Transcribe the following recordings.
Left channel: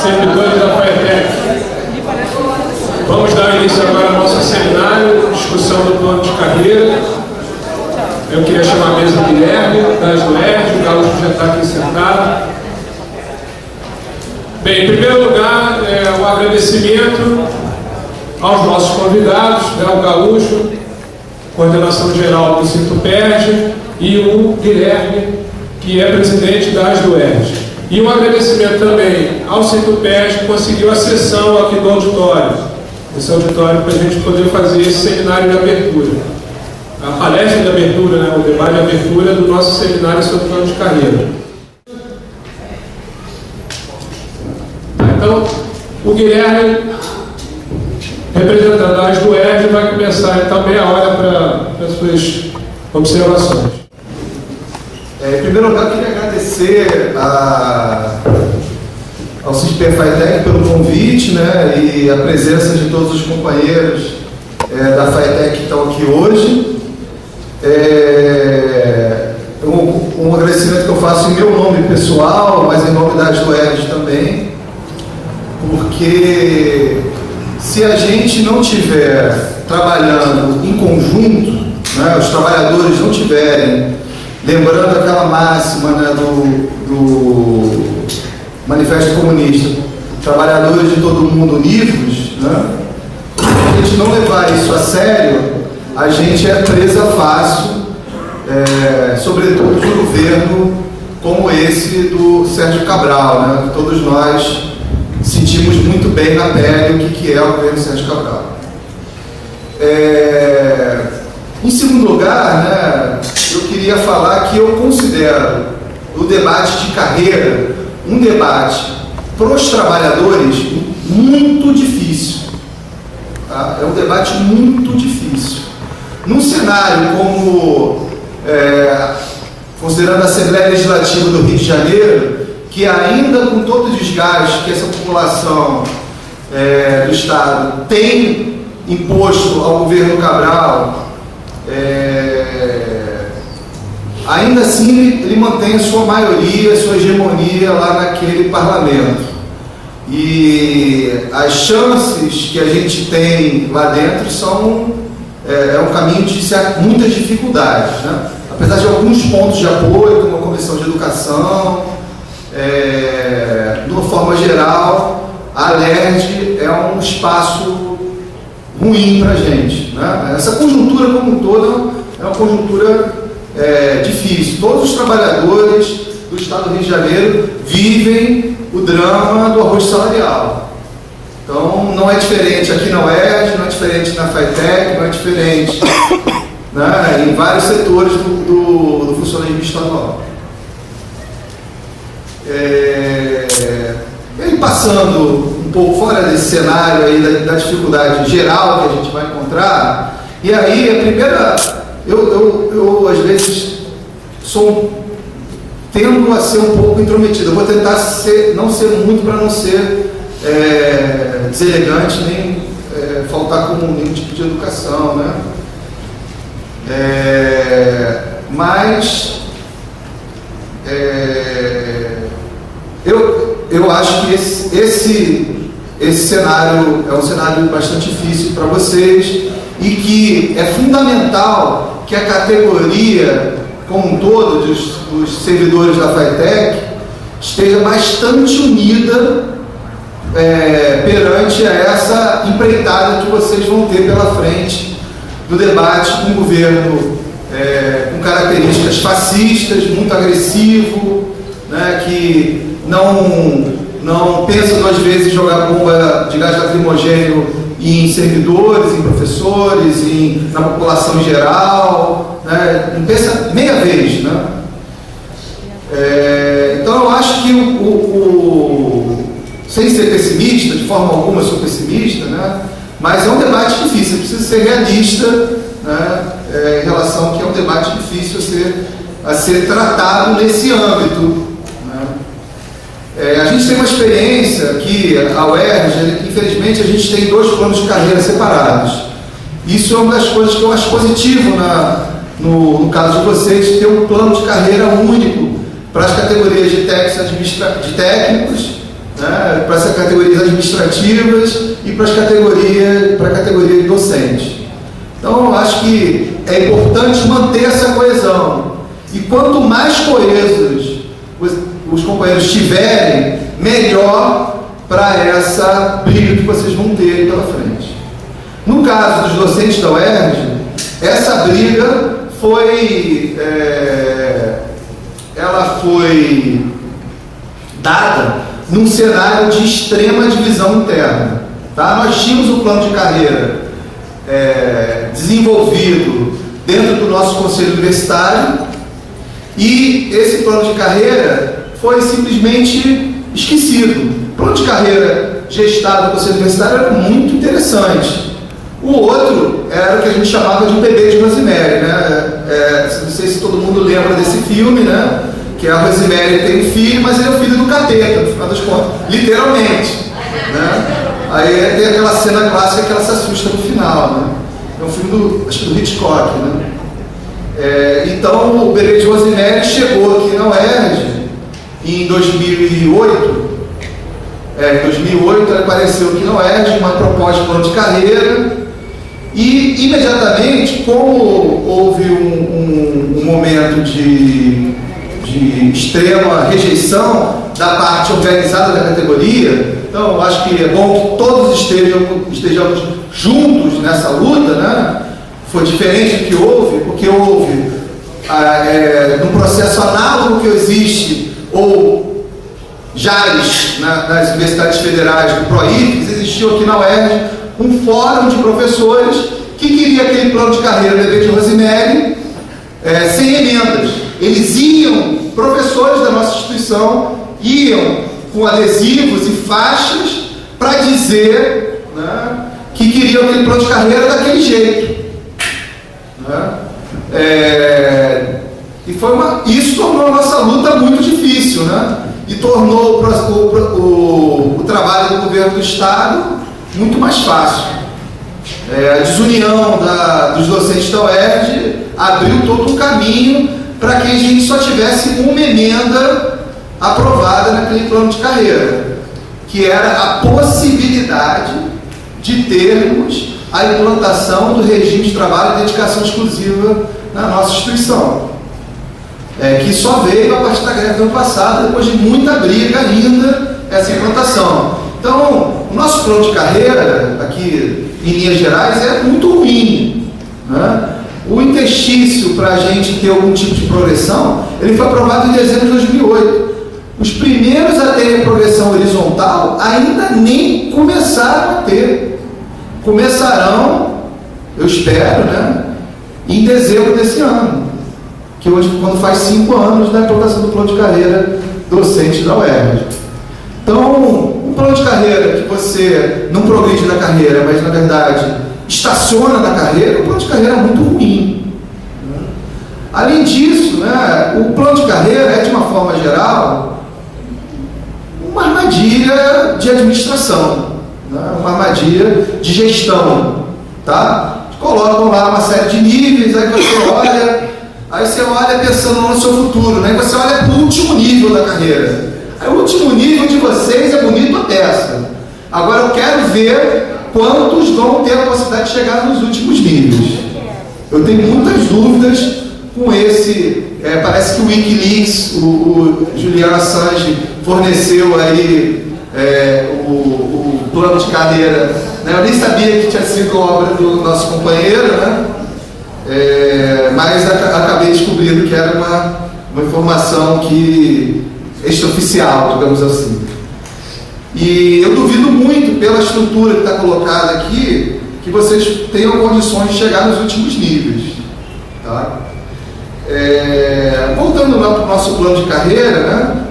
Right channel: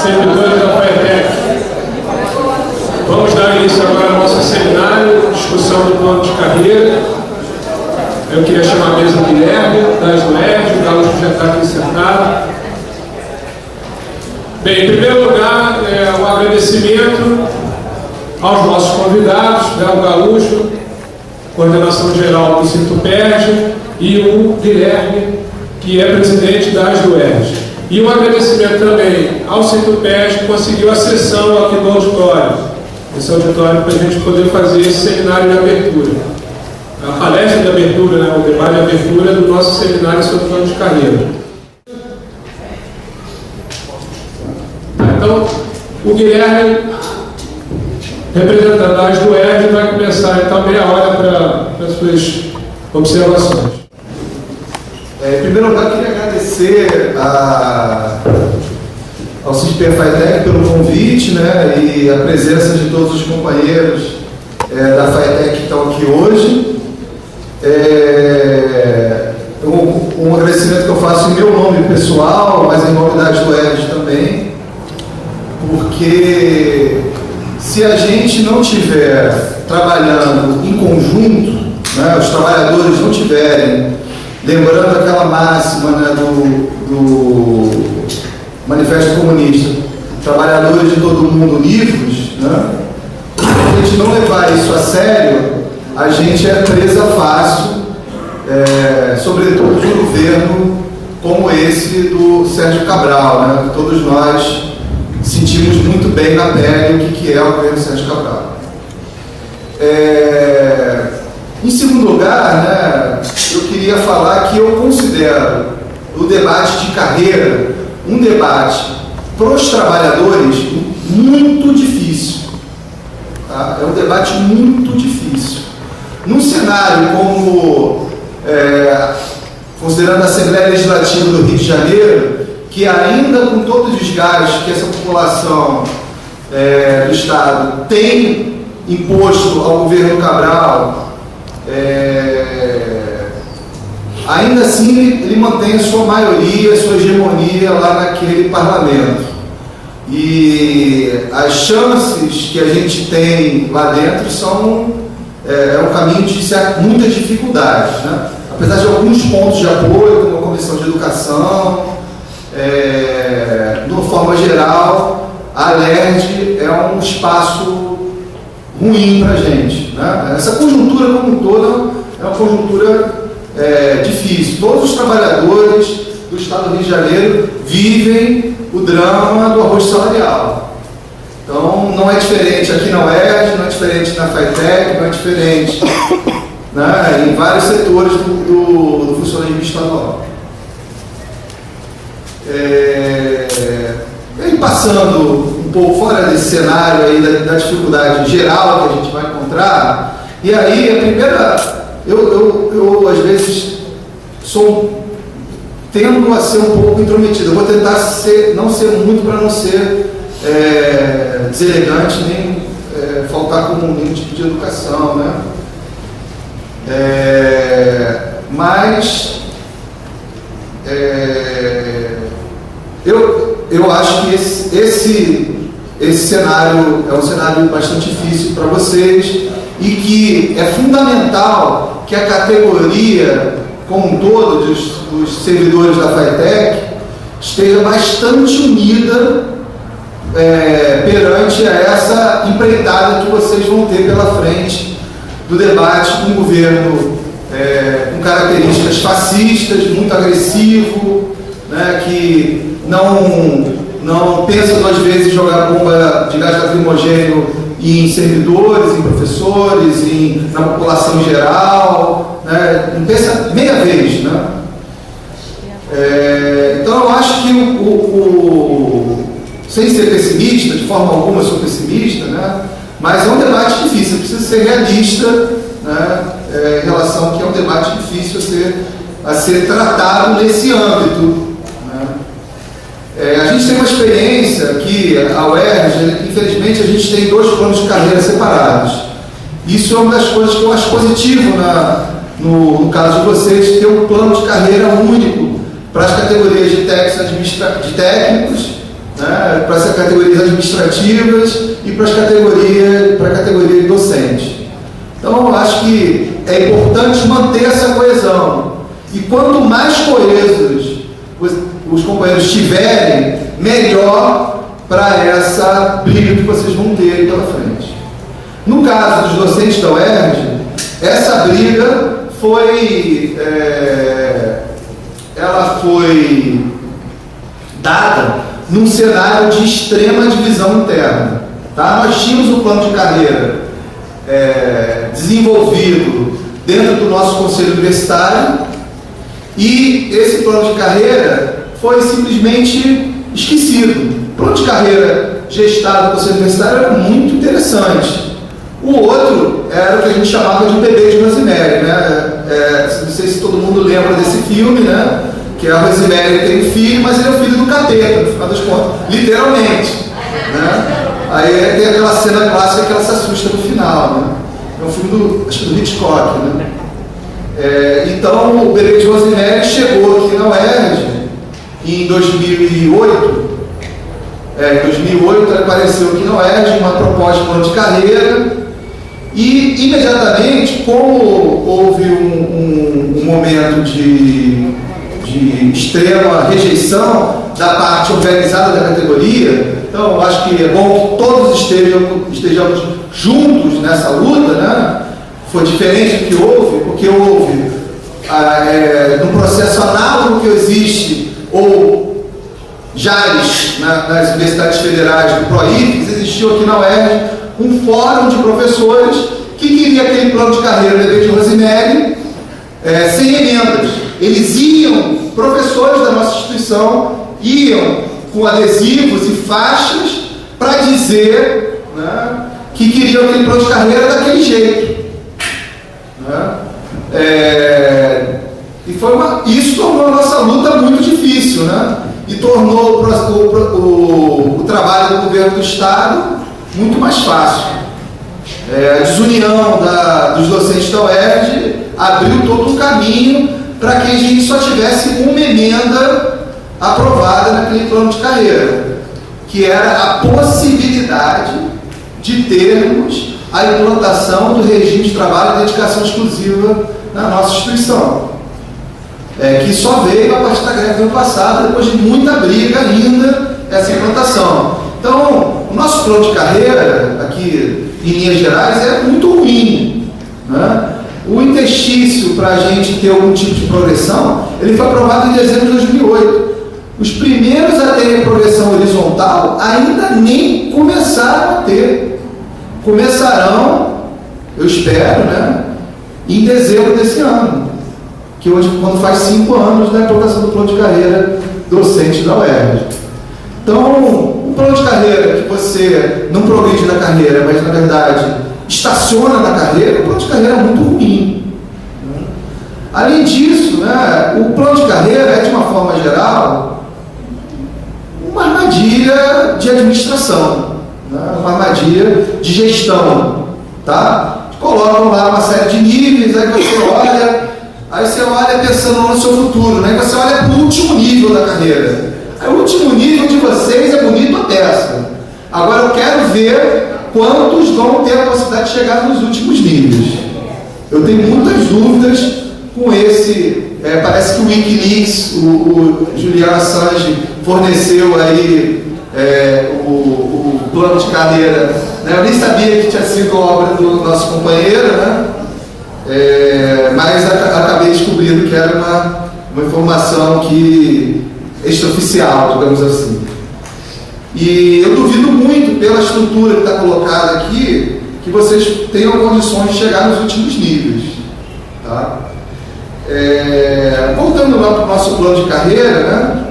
Servidores da FATEC. Vamos dar início agora ao nosso seminário, discussão do plano de carreira. Eu queria chamar a mesa do Guilherme, das UERJ, o Carlos já está aqui sentado. Bem, em primeiro lugar, um agradecimento aos nossos convidados, o Gaúcho, coordenação geral do Sintuped, e o Guilherme, que é presidente das UERJ. E um agradecimento também ao Sintuped, que conseguiu a sessão aqui do auditório. Esse auditório para a gente poder fazer esse seminário de abertura. A palestra de abertura, o debate de abertura do nosso seminário sobre plano de carreira. Então, o Guilherme, representante das UERJ, vai começar então meia hora para as suas observações. Em primeiro lugar, queria agradecer ao Sintuped FATEC pelo convite, né, e a presença de todos os companheiros da FATEC que estão aqui hoje. Um agradecimento que eu faço em meu nome pessoal, mas em nome das UERJ também, porque se a gente não estiver trabalhando em conjunto, né, os trabalhadores não tiverem, lembrando aquela máxima, né, do Manifesto Comunista, trabalhadores de todo mundo livres, né, se a gente não levar isso a sério, a gente é presa fácil, sobretudo de um governo como esse do Sérgio Cabral, né, que todos nós sentimos muito bem na pele o que é o governo Sérgio Cabral. Em segundo lugar, né, eu queria falar que eu considero o debate de carreira um debate para os trabalhadores muito difícil. Tá? É um debate muito difícil. Num cenário como, considerando a Assembleia Legislativa do Rio de Janeiro, que ainda com todo o desgaste que essa população do Estado tem imposto ao governo Cabral, ainda assim ele mantém a sua maioria, a sua hegemonia lá naquele parlamento. E as chances que a gente tem lá dentro são um caminho de muitas dificuldades, né? Apesar de alguns pontos de apoio, como a Comissão de Educação, de uma forma geral, a LERJ é um espaço ruim para a gente, né? Essa conjuntura como um todo é uma conjuntura difícil. Todos os trabalhadores do Estado do Rio de Janeiro vivem o drama do arroz salarial. Então não é diferente aqui na UERJ, não é diferente na FATEC, não é diferente, né, em vários setores do funcionalismo estadual. E passando um pouco fora desse cenário aí da dificuldade geral que a gente vai encontrar, e aí a primeira, eu às vezes tendo a ser um pouco intrometido. Eu vou tentar não ser muito para não ser deselegante, nem faltar com nenhum tipo de educação, né? Mas eu acho que esse cenário é um cenário bastante difícil para vocês e que é fundamental que a categoria como um todo dos servidores da FATEC esteja bastante unida perante a essa empreitada que vocês vão ter pela frente do debate com um governo com características fascistas, muito agressivo, né, que não pensa duas vezes em jogar bomba de gás lacrimogêneo em servidores, em professores, na população em geral, né? Não pensa meia vez, né? Então eu acho que sem ser pessimista, de forma alguma eu sou pessimista, né? Mas é um debate difícil, precisa ser realista, né? Em relação ao que é um debate difícil a ser tratado nesse âmbito. A gente tem uma experiência aqui, a UERJ, infelizmente a gente tem 2 planos de carreira separados. Isso é uma das coisas que eu acho positivo no caso de vocês, ter um plano de carreira único para as categorias de técnicos, né, para as categorias administrativas e para a categoria de docente. Então, eu acho que é importante manter essa coesão. E quanto mais coesos os companheiros estiverem, melhor para essa briga que vocês vão ter pela frente. No caso dos docentes da UERJ, essa briga ela foi dada num cenário de extrema divisão interna. Tá? Nós tínhamos um plano de carreira desenvolvido dentro do nosso conselho universitário e esse plano de carreira foi simplesmente esquecido. O plano de carreira gestado do conselho universitário era muito interessante. O outro era o que a gente chamava de Bebê de Rosemary, né? Não sei se todo mundo lembra desse filme, né? Que a Rosemary tem um filho, mas ele é o filho do capeta, no final das contas, literalmente, né? Aí tem aquela cena clássica que ela se assusta no final, né? É um filme acho que do Hitchcock, né? Então, o Bebê de Rosemary chegou aqui na UERJ em 2008. Em 2008 ele apareceu aqui na UERJ, uma proposta de plano de carreira, e imediatamente, como houve um momento de extrema rejeição da parte organizada da categoria, então eu acho que é bom que todos estejamos juntos nessa luta, né? Foi diferente do que houve, porque houve num processo análogo que existe, ou JARES, nas universidades federais do PROIFES, existiu aqui na UERJ um fórum de professores que queria aquele plano de carreira Bebê de Rosemary sem emendas. Eles iam, professores da nossa instituição, iam com adesivos e faixas para dizer, né, que queriam aquele plano de carreira daquele jeito. Né? Isso tornou a nossa luta muito difícil, né? E tornou o trabalho do governo do Estado muito mais fácil. A desunião dos docentes da UERJ abriu todo um caminho para que a gente só tivesse uma emenda aprovada naquele plano de carreira, que era a possibilidade de termos a implantação do regime de trabalho e dedicação exclusiva na nossa instituição, que só veio a partir da greve do ano passado, depois de muita briga ainda, essa implantação. Então, o nosso plano de carreira, aqui em linhas gerais, é muito ruim, né? O interstício para a gente ter algum tipo de progressão, ele foi aprovado em dezembro de 2008. Os primeiros a terem progressão horizontal ainda nem começaram a ter. Começarão, eu espero, né, em dezembro desse ano, quando faz 5 anos da implantação do plano de carreira docente da UERJ. Então, um plano de carreira que você não progride na carreira, mas na verdade estaciona na carreira, o plano de carreira é muito ruim. Além disso, né, o plano de carreira é, de uma forma geral, uma armadilha de administração, né, uma armadilha de gestão. Tá? Colocam lá uma série de níveis, aí você olha pensando no seu futuro, né? Você olha para o último nível da carreira. Aí o último nível de vocês é bonito a peça. Agora eu quero ver quantos vão ter a possibilidade de chegar nos últimos níveis. Eu tenho muitas dúvidas com esse. Parece que o Wikileaks, o Julian Assange, forneceu aí o plano de carreira. Né? Eu nem sabia que tinha sido obra do nosso companheiro, né? Mas acabei descobrindo que era uma informação extraoficial, digamos assim. E eu duvido muito, pela estrutura que está colocada aqui, que vocês tenham condições de chegar nos últimos níveis. Tá? Voltando lá para o nosso plano de carreira, né?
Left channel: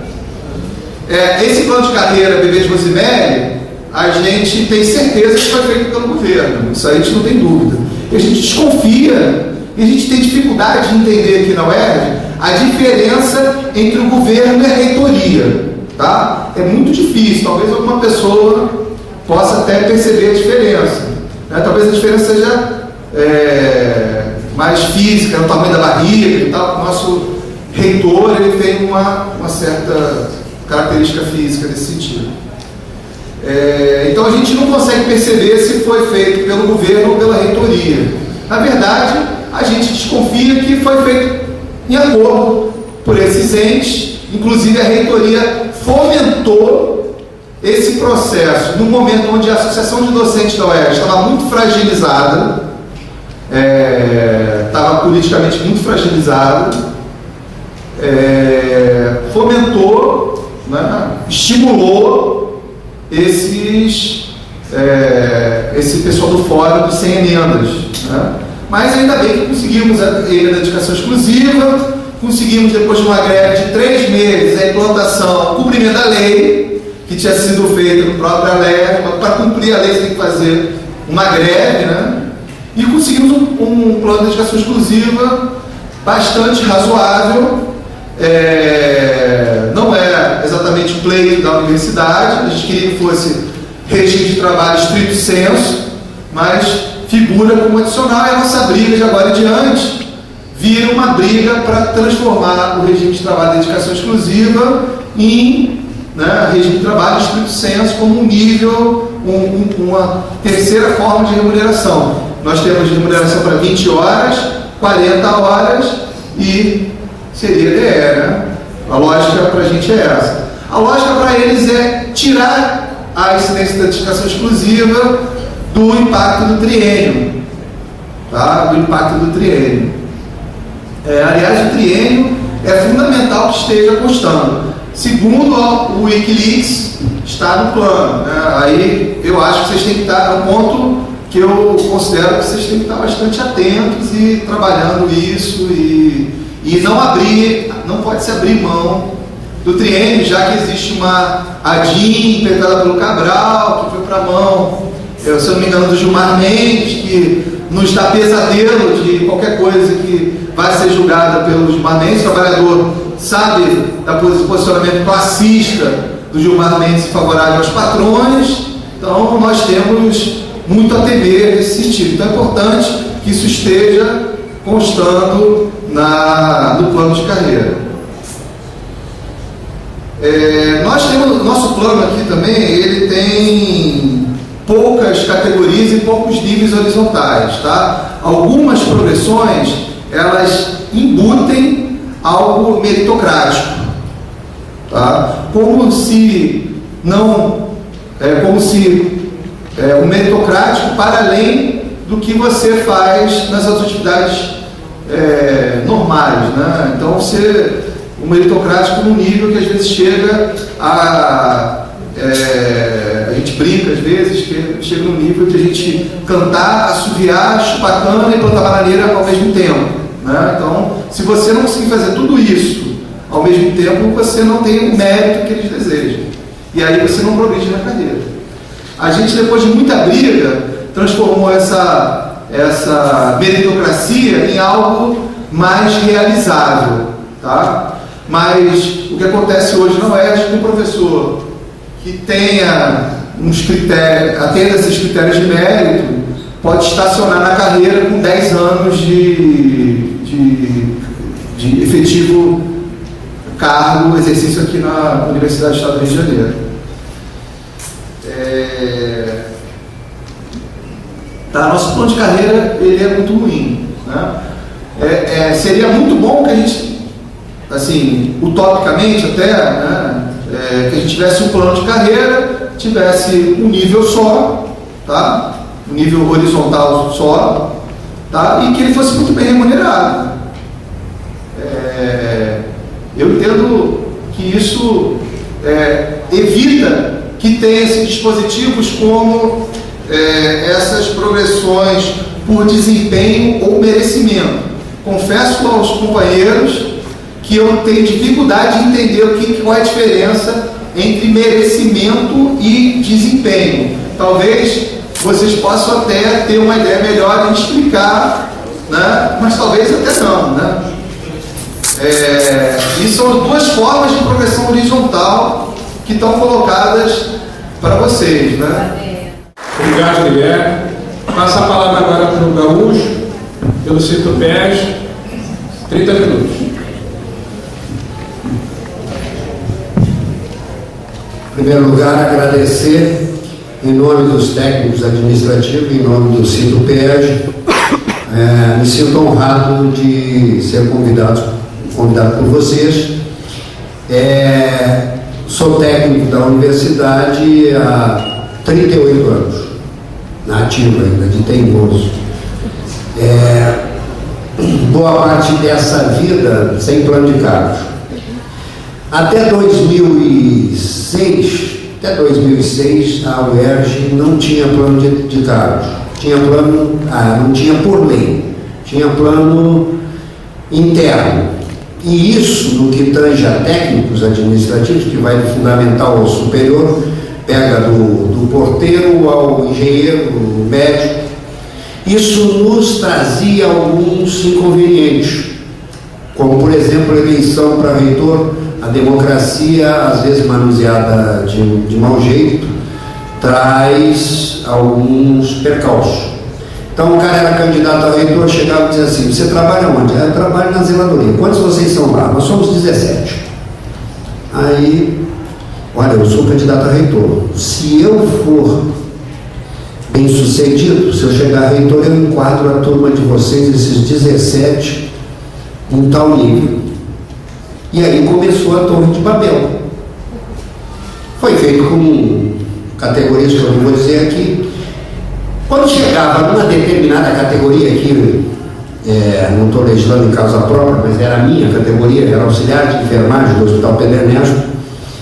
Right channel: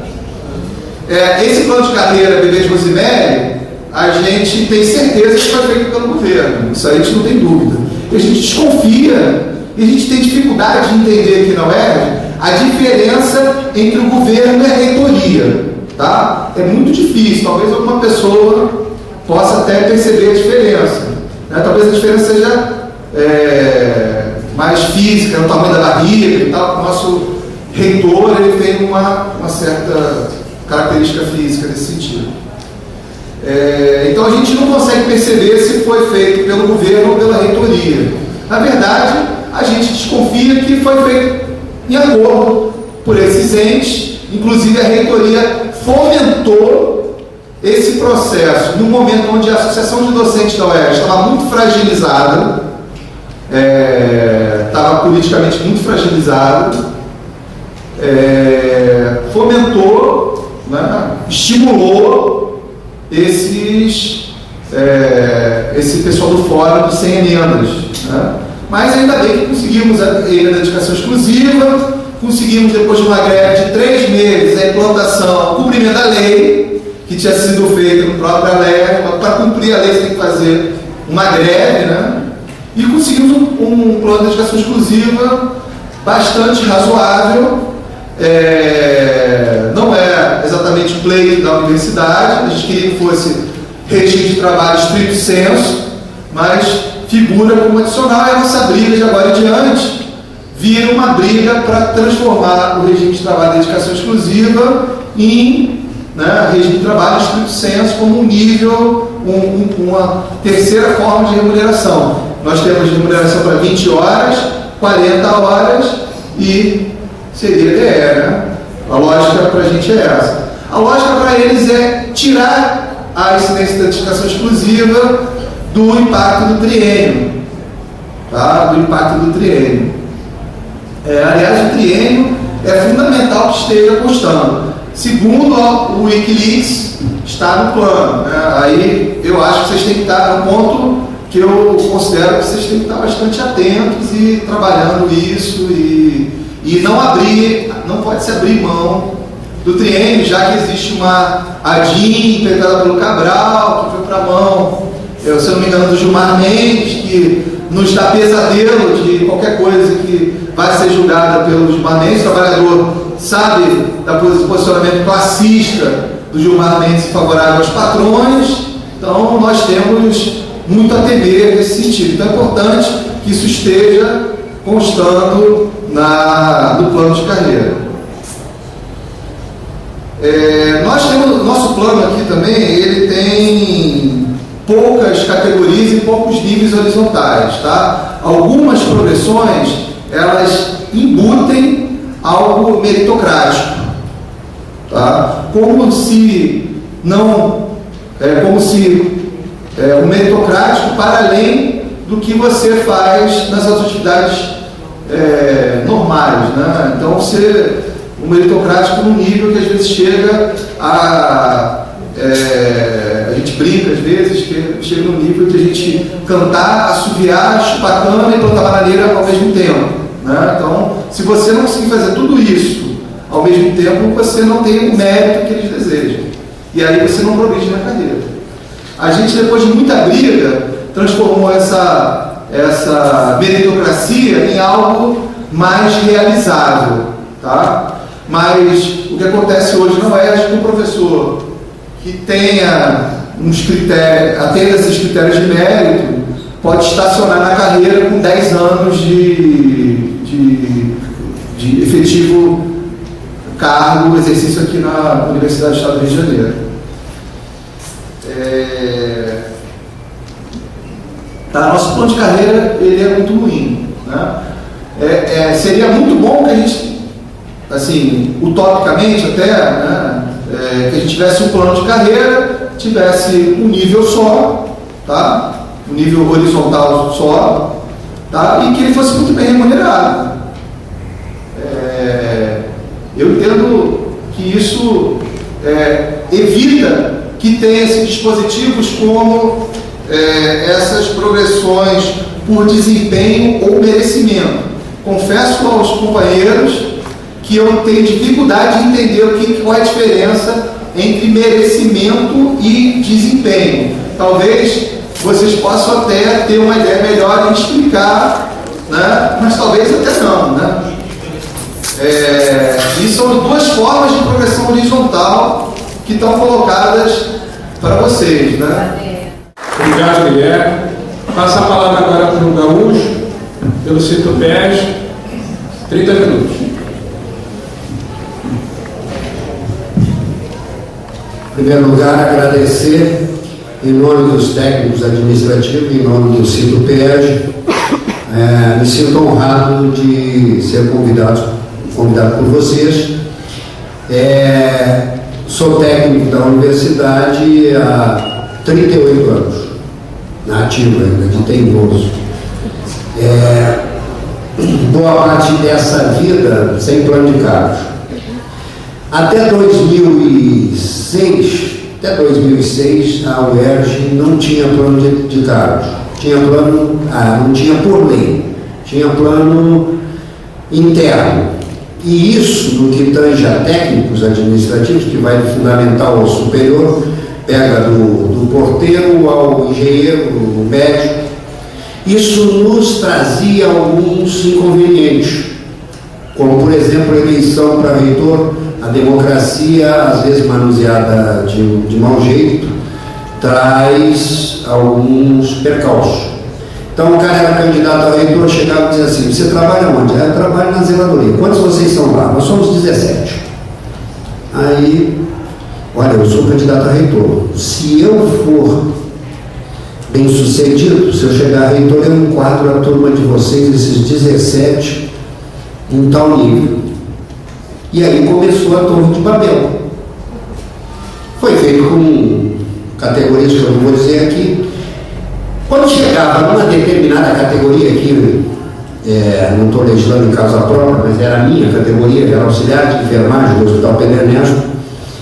Esse plano de carreira Bebê de Rosemary, a gente tem certeza que foi feito pelo governo. Isso aí a gente não tem dúvida. E a gente desconfia e a gente tem dificuldade de entender aqui na UERJ a diferença entre o governo e a reitoria. Tá? É muito difícil, talvez alguma pessoa possa até perceber a diferença. Né? Talvez a diferença seja mais física, no tamanho da barriga e tal. O nosso reitor ele tem uma certa característica física nesse sentido. Então a gente não consegue perceber se foi feito pelo governo ou pela reitoria. Na verdade, a gente desconfia que foi feito em acordo por esses entes, inclusive a reitoria fomentou esse processo no momento onde a Associação de Docentes da UERJ estava muito fragilizada, estava politicamente muito fragilizada, fomentou, né, estimulou esse pessoal do fórum dos sem emendas, né? Mas ainda bem que conseguimos a dedicação exclusiva, conseguimos depois de uma greve de 3 meses a implantação, o cumprimento da lei, que tinha sido feita no próprio ALERJ. Para cumprir a lei você tem que fazer uma greve, né? E conseguimos um plano de dedicação exclusiva bastante razoável. Não é exatamente o pleito da universidade, a gente queria que fosse regime de trabalho estrito senso, mas figura como adicional, e a nossa briga de agora em diante vira uma briga para transformar o regime de trabalho de dedicação exclusiva em, né, regime de trabalho estrito senso como um nível, uma terceira forma de remuneração. Nós temos remuneração para 20 horas, 40 horas e seria DE, né? A lógica para a gente é essa. A lógica para eles é tirar a incidência da dedicação exclusiva do impacto do triênio, tá? Do impacto do triênio. Aliás, o triênio é fundamental que esteja constando. Segundo o Wikileaks, está no plano, né? Aí eu acho que vocês têm que estar no ponto que eu considero que vocês têm que estar bastante atentos e trabalhando isso e não pode se abrir mão do triênio, já que existe uma ADIM implementada pelo Cabral, que foi para a mão, se eu não me engano, do Gilmar Mendes, que nos dá pesadelo de qualquer coisa que vai ser julgada pelo Gilmar Mendes. O trabalhador sabe do posicionamento classista do Gilmar Mendes favorável aos patrões, então nós temos muito a temer nesse sentido. Então é importante que isso esteja constando no plano de carreira. Nós temos, nosso plano aqui também, ele tem poucas categorias e poucos níveis horizontais, tá? Algumas progressões, elas embutem algo meritocrático, tá? Como se o meritocrático para além do que você faz nas atividades normais, né? Então o meritocrático num nível que às vezes chega a gente brinca às vezes que chega num nível de a gente cantar, assoviar, chupar cana e plantar bananeira ao mesmo tempo, né? Então, se você não conseguir fazer tudo isso ao mesmo tempo, você não tem o mérito que eles desejam, e aí você não progride na carreira. A gente, depois de muita briga, transformou essa meritocracia em algo mais realizável, tá? Mas o que acontece hoje não é que um professor que tenha atenda esses critérios de mérito pode estacionar na carreira com 10 anos de efetivo cargo, exercício aqui na Universidade do Estado do Rio de Janeiro. Nosso plano de carreira ele é muito ruim, né? Seria muito bom que a gente, assim, utopicamente até, né, que a gente tivesse um plano de carreira, tivesse um nível só, tá? Um nível horizontal só, tá? E que ele fosse muito bem remunerado. Eu entendo que isso evita que tenha esses dispositivos como essas progressões por desempenho ou merecimento. Confesso aos companheiros que eu tenho dificuldade de entender qual é a diferença entre merecimento e desempenho. Talvez vocês possam até ter uma ideia melhor de explicar, né? Mas talvez até não, né? E são duas formas de progressão horizontal que estão colocadas para vocês, né? Obrigado, Guilherme. Passa a palavra agora para o Gaúcho, pelo Citopes, 30 minutos. Em primeiro lugar, agradecer em nome dos técnicos administrativos, em nome do Sinto-PERJ, me sinto honrado de ser convidado por vocês. Sou técnico da universidade há 38 anos, na ativa ainda, de teimoso. Boa parte dessa vida sem plano de cargos. Até 2006, a UERJ não tinha plano de cargos. Tinha plano, não tinha por lei, tinha plano interno. E isso, no que tange a técnicos administrativos, que vai do fundamental ao superior, pega do porteiro ao engenheiro, o médico, isso nos trazia alguns inconvenientes, como, por exemplo, a eleição para reitor. A democracia, às vezes manuseada de mau jeito, traz alguns percalços. Então o cara era candidato a reitor, chegava e dizia assim: você trabalha onde? Eu trabalho na zeladoria. Quantos vocês são lá? Nós somos 17. Aí, olha, eu sou candidato a reitor. Se eu for bem sucedido, se eu chegar a reitor, eu enquadro a turma de vocês, esses 17, em tal nível. E aí começou a Torre de Babel. Foi feito com categorias que eu não vou dizer aqui. Quando chegava numa determinada categoria aqui, não estou legislando em causa própria, mas era a minha categoria, era auxiliar de enfermagem do Hospital Pedro Ernesto,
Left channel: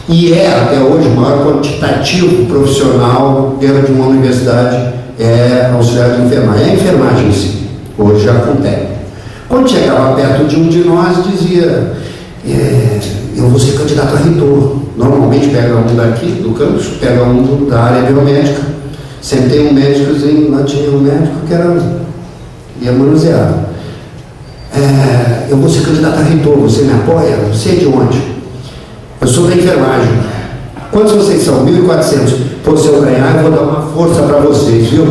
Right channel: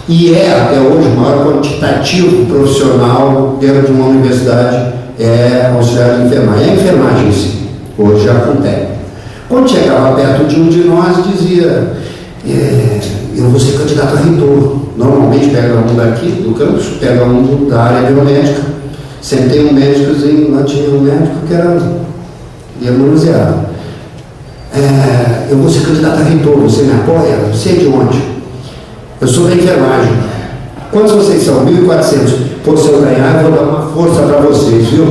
e até hoje o maior quantitativo profissional dentro de uma universidade auxiliar de enfermagem. É a enfermagem em si, hoje já com técnico. Quando chegava perto de um de nós, dizia: eu vou ser candidato a reitor. Normalmente pega um daqui do campus, pega um da área biomédica. Sempre tem um médicozinho, lá tinha um médico que ia manusear. Eu vou ser candidato a reitor, você me apoia? Você é de onde? Eu sou da enfermagem. Quantos vocês são? 1.400. Pô, se eu ganhar, eu vou dar uma força para vocês, viu?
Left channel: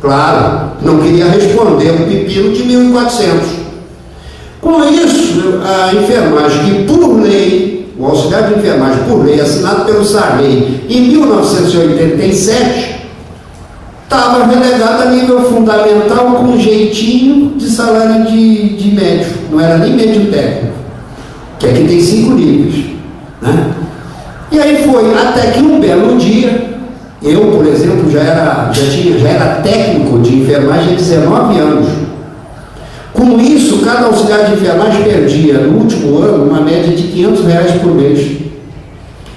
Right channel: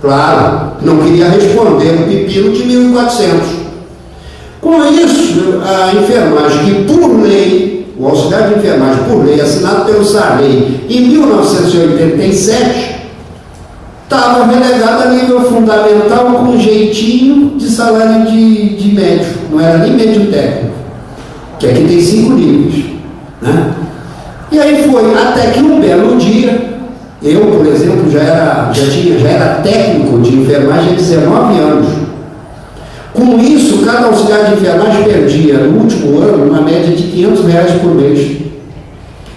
Claro, não queria responder um pepino de 1.400. Com isso, a enfermagem, que por lei, o auxiliar de enfermagem por lei, assinado pelo Sarney em 1987, estava relegado a nível fundamental com jeitinho de salário de médico, não era nem médio técnico, que aqui tem 5 níveis, né? E aí foi, até que um belo dia, eu, por exemplo, já era técnico de enfermagem há 19 anos. Com isso, cada auxiliar de enfermagem perdia, no último ano, uma média de R$500 por mês.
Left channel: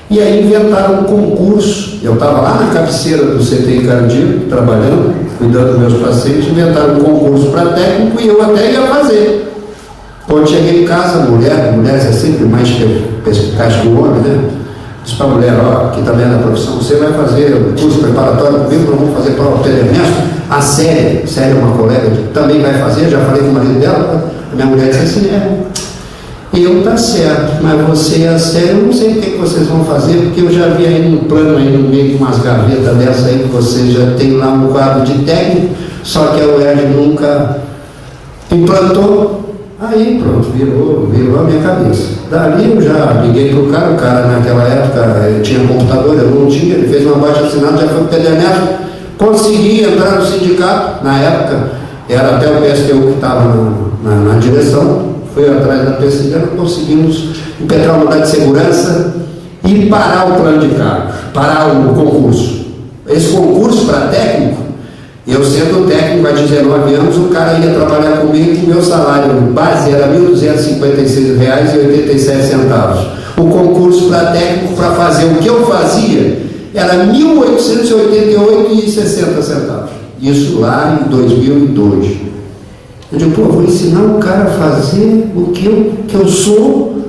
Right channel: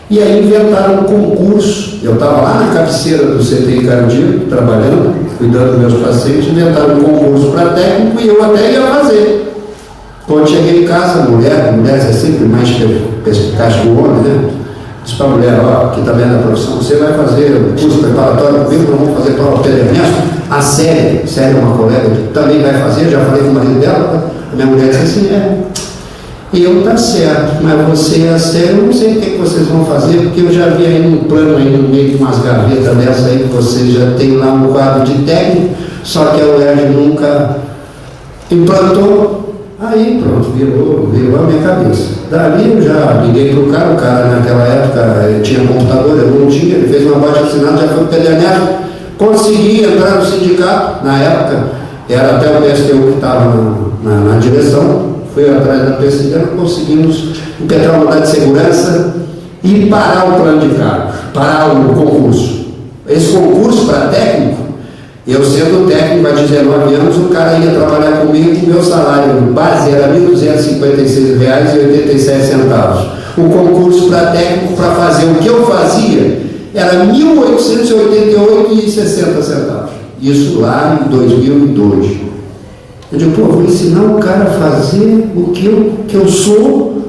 E aí inventaram um concurso. Eu estava lá na cabeceira do CTI cardíaco, trabalhando, cuidando dos meus pacientes, inventaram um concurso para técnico e eu até ia fazer. Quando cheguei em casa, mulheres é sempre mais perspicaz que o homem, né? Disse para a mulher: ó, aqui também é da profissão, você vai fazer o curso preparatório comigo, nós vamos fazer prova Pedro Ernesto. A Célia é uma colega que também vai fazer, já falei com o marido dela. A minha mulher disse assim: eu tá certo, mas você e a Célia, eu não sei o que vocês vão fazer, porque eu já vi aí no plano, aí no meio de umas gavetas dessa aí, que vocês já tem lá um quadro de técnico, só que a UERJ nunca implantou. Aí pronto, virou a minha cabeça. Dali eu já liguei pro cara, o cara naquela época ele tinha computador, eu não tinha, ele fez uma baixa assinada, já foi pro Pedro Ernesto, consegui entrar no sindicato. Na época era até o PSTU que estava na direção, fui atrás da pesquisa, conseguimos impetrar uma unidade de segurança e parar o plano de cargos, parar o concurso. Esse concurso para técnico, eu sendo técnico há 19 anos, o cara ia trabalhar comigo e o meu salário base era R$ 1.256,87. O concurso para técnico, para fazer o que eu fazia, era R$ 1.888,60. Isso lá em 2002. Eu digo: pô, vou ensinar o cara a fazer o que eu sou,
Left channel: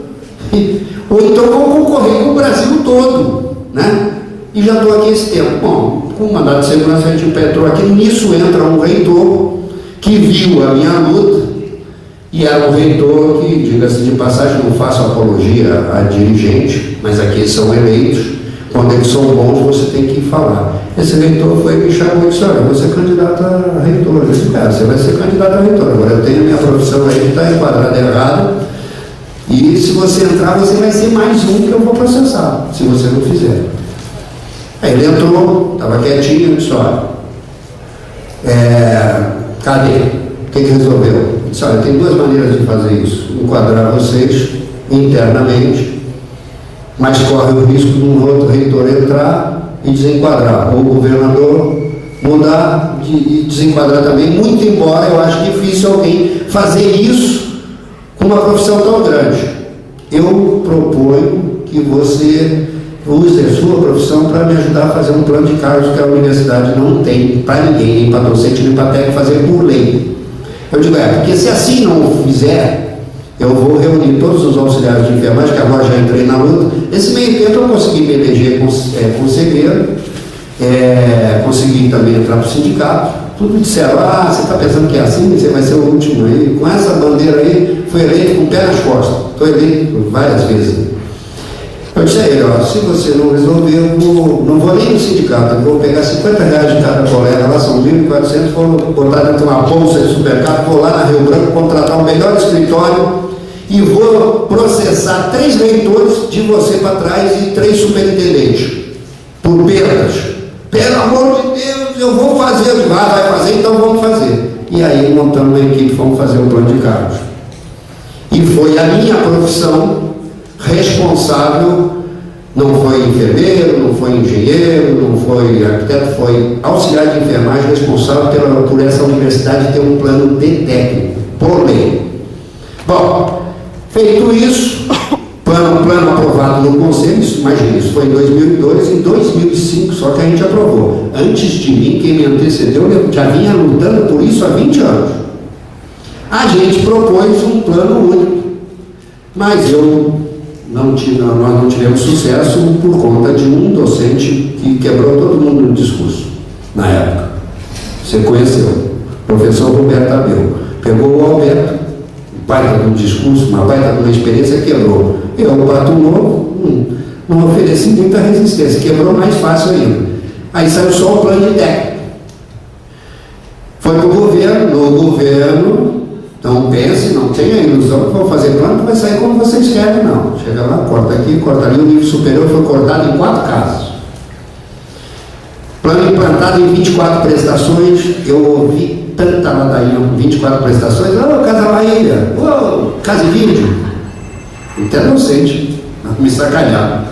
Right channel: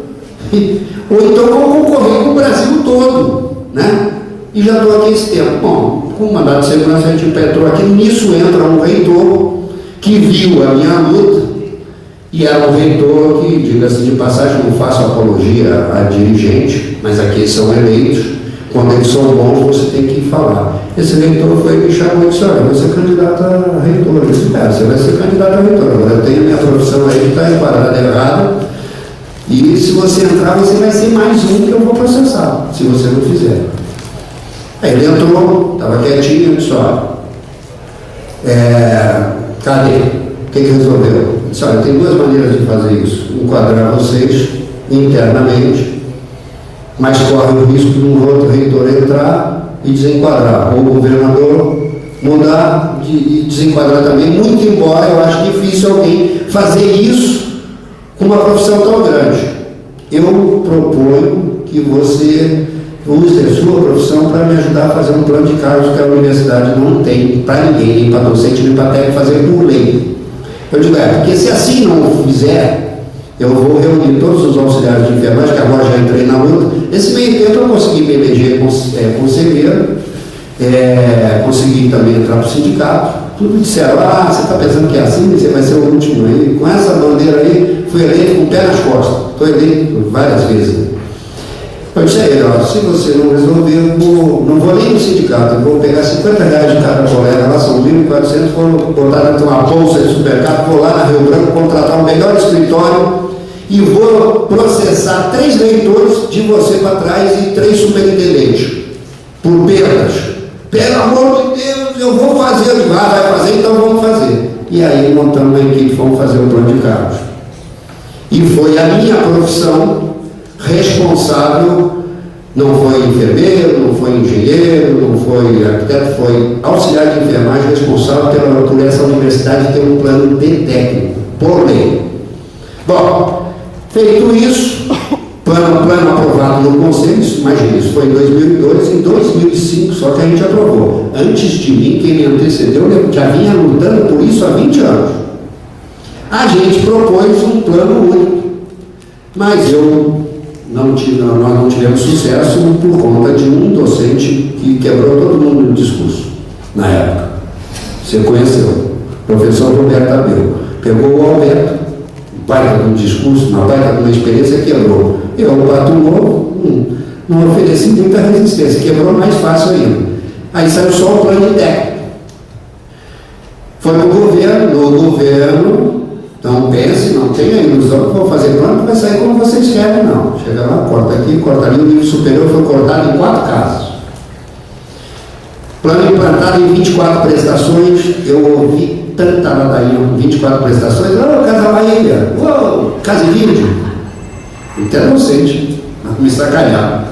ou então vou concorrer com o Brasil todo, né? E já estou aqui esse tempo. Bom, com o mandato de segurança a gente impetrou aqui. Nisso entra um reitor que viu a minha luta, e era um reitor que, diga-se de passagem, não faço apologia a dirigente, mas aqui eles são eleitos. Quando eles são bons, você tem que falar. Esse reitor foi me chamou e disse: olha, você é candidato a reitor. Eu disse: cara, você vai ser candidato a reitor. Agora eu tenho a minha profissão aí que está enquadrada errada, e se você entrar, você vai ser mais um que eu vou processar, se você não fizer. Aí ele entrou, estava quietinho, disse, olha, cadê? O que resolveu? Ele disse, olha, tem duas maneiras de fazer isso. Enquadrar vocês internamente, mas corre o risco de um outro reitor entrar e desenquadrar, ou o governador mudar e desenquadrar também, muito embora eu acho difícil alguém fazer isso com uma profissão tão grande. Eu proponho que você use a sua profissão para me ajudar a fazer um plano de cargos que a universidade não tem para ninguém, nem para docente, nem para técnico, fazer por lei. Eu digo, porque se assim não fizer, eu vou reunir todos os auxiliares de enfermagem, que agora já entrei na luta. Nesse meio tempo eu consegui me eleger conselheiro, consegui também entrar para o sindicato. Tudo disseram, você está pensando que é assim, você vai ser o último aí. Com essa bandeira aí, fui eleito com o pé nas costas. Estou eleito várias vezes. Eu disse a ele, se você não resolver, eu não vou nem no sindicato, eu vou pegar R$50 de cada colega, lá são 1.400, vou botar dentro de uma bolsa de supermercado, vou lá na Rio Branco, contratar o melhor escritório e vou processar 3 reitores de você para trás e 3 superintendentes, por perdas. Pelo amor de Deus, eu vou fazer. Eu digo, vai fazer, então vamos fazer. E aí montamos uma equipe, fomos fazer um plano de cargos. E foi a minha profissão responsável, não foi enfermeiro, não foi engenheiro, não foi arquiteto, foi auxiliar de enfermagem responsável por essa universidade ter um plano de técnico, por lei. Bom, feito isso, plano aprovado no Conselho, imagina, isso foi em 2002, em 2005 só que a gente aprovou. Antes de mim, quem me antecedeu, já vinha lutando por isso há 20 anos. A gente propôs um plano único, mas nós não tivemos sucesso por conta de um docente que quebrou todo mundo no discurso, na época. Você conheceu, o professor Roberto Abel. Pegou o Alberto, baita de um discurso, uma baita de uma experiência, quebrou. Eu, o Pato Novo, não ofereci muita resistência, quebrou mais fácil ainda. Aí saiu só o plano de técnico. Foi para o governo. Então pense, não tenha ilusão que vou fazer plano que vai sair como vocês querem, não. Chega lá, corta aqui, corta ali, o nível superior foi cortado em 4 casos. Plano implantado em 24 prestações, eu ouvi tanta ladainha, 24 prestações, Casa Bahia, Casa e Vídeo. Até docente, me sacanearam.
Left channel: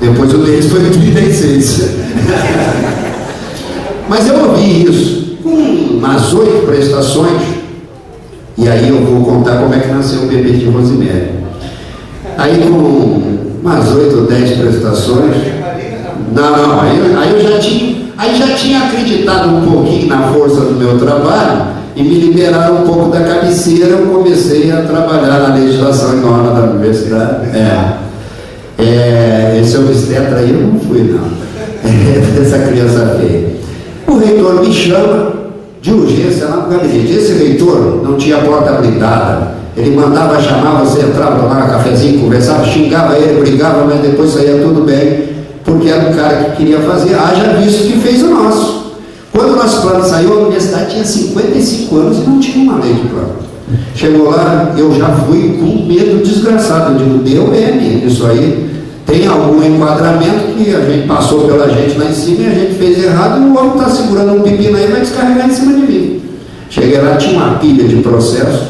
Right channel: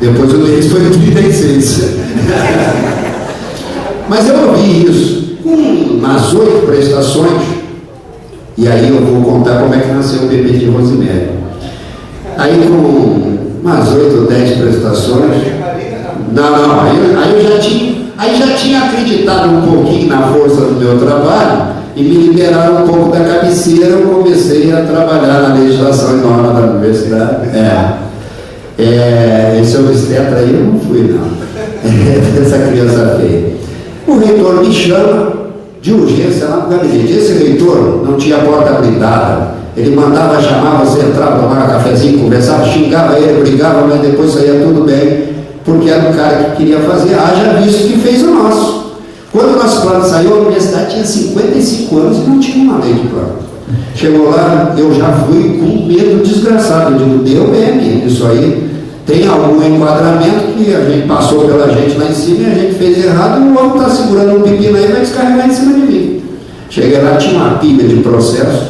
Depois o deles foi em 36. Mas eu ouvi isso, umas 8 prestações. E aí eu vou contar como é que nasceu o bebê de Rosemary. Aí com umas 8 ou 10 prestações, aí eu já tinha acreditado um pouquinho na força do meu trabalho e me liberaram um pouco da cabeceira, eu comecei a trabalhar na legislação e norma da universidade. Esse obstetra aí eu não fui não, essa criança feia. O reitor me chama de urgência lá no gabinete. Esse reitor não tinha porta blindada, ele mandava chamar, você entrava, tomava cafezinho, conversava, xingava ele, brigava, mas depois saía tudo bem, porque era um cara que queria fazer, haja visto que fez o nosso. Quando o nosso plano saiu, a universidade tinha 55 anos e não tinha uma lei de plano. Chegou lá, eu já fui com medo desgraçado, eu digo, deu isso aí. Tem algum enquadramento que a gente passou pela gente lá em cima e a gente fez errado e o homem está segurando um pepino aí e vai descarregar em cima de mim. Cheguei lá, tinha uma pilha de processo.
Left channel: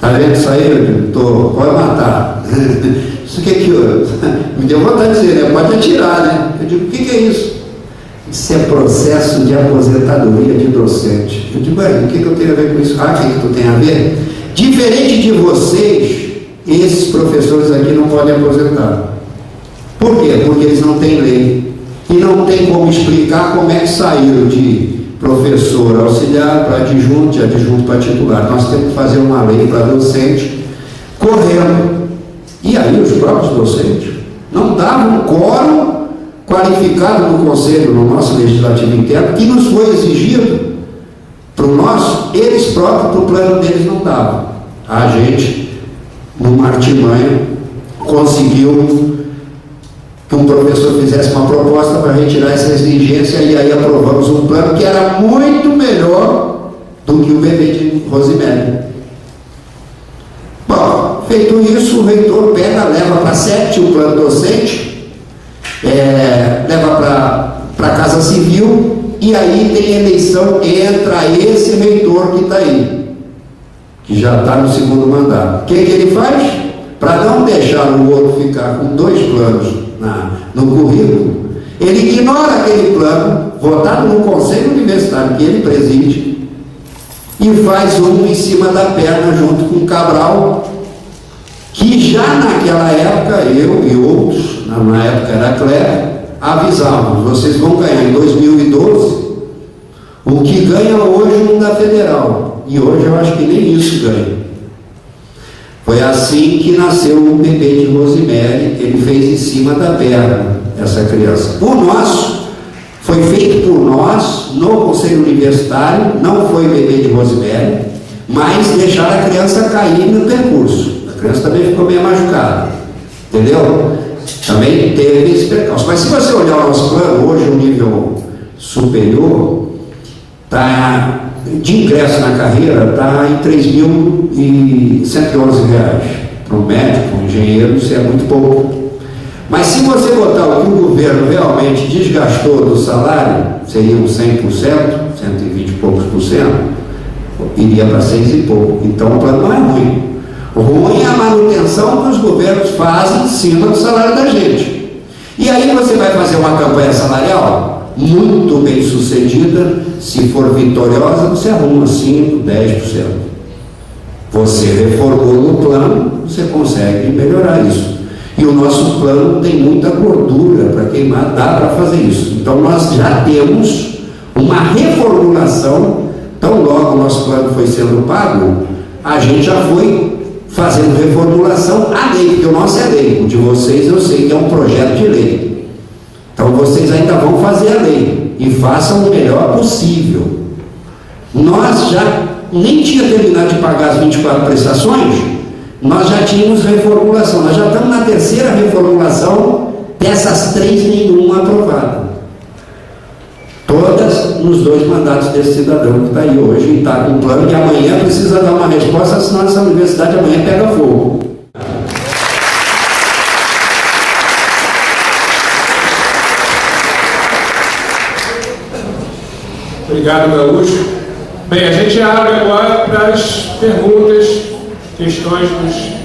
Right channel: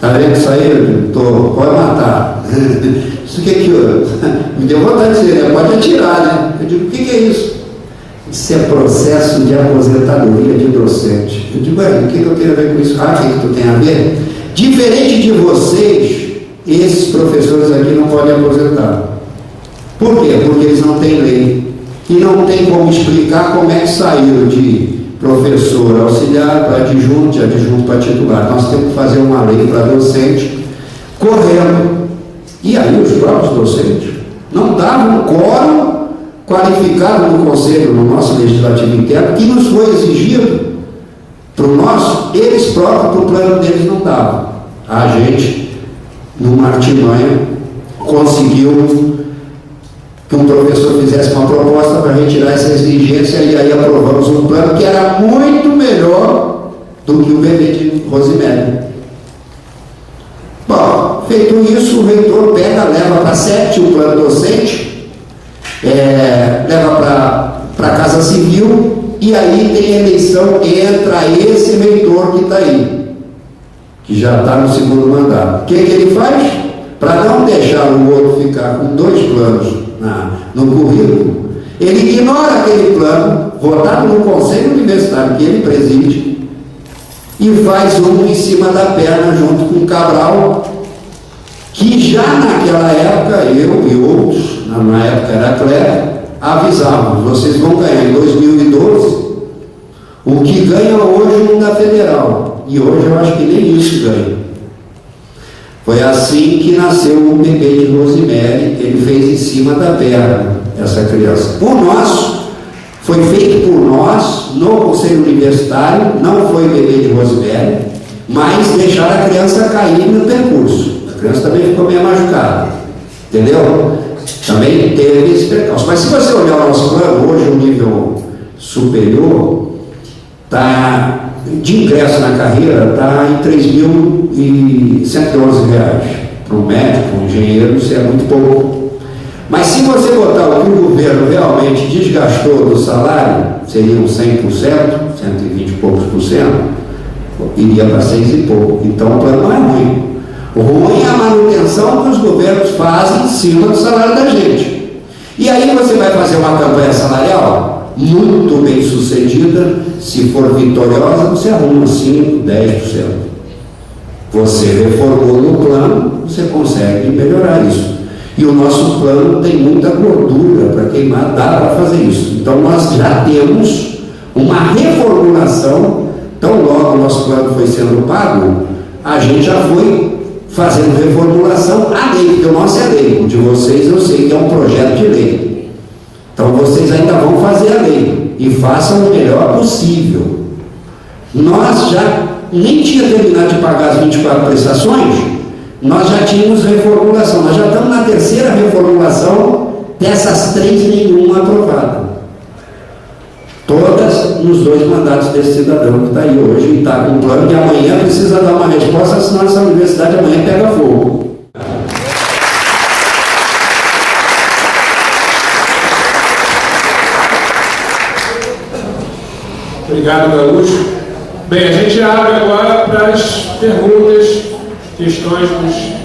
Tá vendo isso aí? Eu digo, pode matar. Isso que eu... Me deu vontade de dizer, pode atirar, né? Eu digo, o que é isso? Isso é processo de aposentadoria de docente. Eu digo, o que eu tenho a ver com isso? O que tu tem a ver? Diferente de vocês, esses professores aqui não podem aposentar. Por quê? Porque eles não têm lei. E não tem como explicar como é que saíram de professor auxiliar para adjunto, de adjunto para titular. Nós temos que fazer uma lei para docente correndo. E aí os próprios docentes não davam quórum qualificado no Conselho, no nosso Legislativo interno, que nos foi exigido para o nosso, eles próprios, para o plano deles não davam. A gente, numa artimanha, conseguiu que um professor fizesse uma proposta para retirar essa exigência e aí aprovamos um plano que era muito melhor do que o bebê de Rosemary. Bom, feito isso, o reitor pega, leva para 7 o plano docente leva para a Casa Civil, e aí tem eleição, entra esse reitor que está aí, que já está no segundo mandato. O que ele faz? Para não deixar o outro ficar com 2 planos no currículo, ele ignora aquele plano, votado no Conselho Universitário que ele preside, e faz um em cima da perna junto com o Cabral, que já naquela época, eu e outros, na época era Cléber, avisavam: vocês vão ganhar em 2012 o que ganha hoje um da Federal. E hoje eu acho que nem isso ganha. Foi assim que nasceu o bebê de Rosemary, ele fez em cima da perna, essa criança. O nosso foi feito por nós, no Conselho Universitário, não foi bebê de Rosemary, mas deixaram a criança cair no percurso. A criança também ficou meio machucada, entendeu? Também teve esse percalço. Mas se você olhar o nosso plano, hoje o nível superior, de ingresso na carreira, está em R$ 3.111. Para um médico, um engenheiro, isso é muito pouco. Mas se você botar o que o governo realmente desgastou do salário, seriam 100%, 120 e poucos por cento, iria para 6 e pouco. Então o plano não é ruim. Ruim é a manutenção que os governos fazem em cima do salário da gente. E aí você vai fazer uma campanha salarial muito bem sucedida, se for vitoriosa, você arruma 5%, 10%. Você reformou no plano, você consegue melhorar isso. E o nosso plano tem muita gordura para queimar, dá para fazer isso. Então nós já temos uma reformulação, tão logo o nosso plano foi sendo pago, a gente já foi fazendo reformulação à lei, porque o nosso é lei, o de vocês eu sei que é um projeto de lei. Então vocês ainda vão fazer a lei e façam o melhor possível. Nós já nem tinha terminado de pagar as 24 prestações, nós já tínhamos reformulação, nós já estamos na 3ª reformulação, dessas 3 nenhuma aprovada. Todas nos 2 mandatos desse cidadão que está aí hoje, e está com plano, e amanhã precisa dar uma resposta, senão essa universidade amanhã pega fogo. Obrigado, Gaúcho. Bem, a gente abre agora para as perguntas, questões dos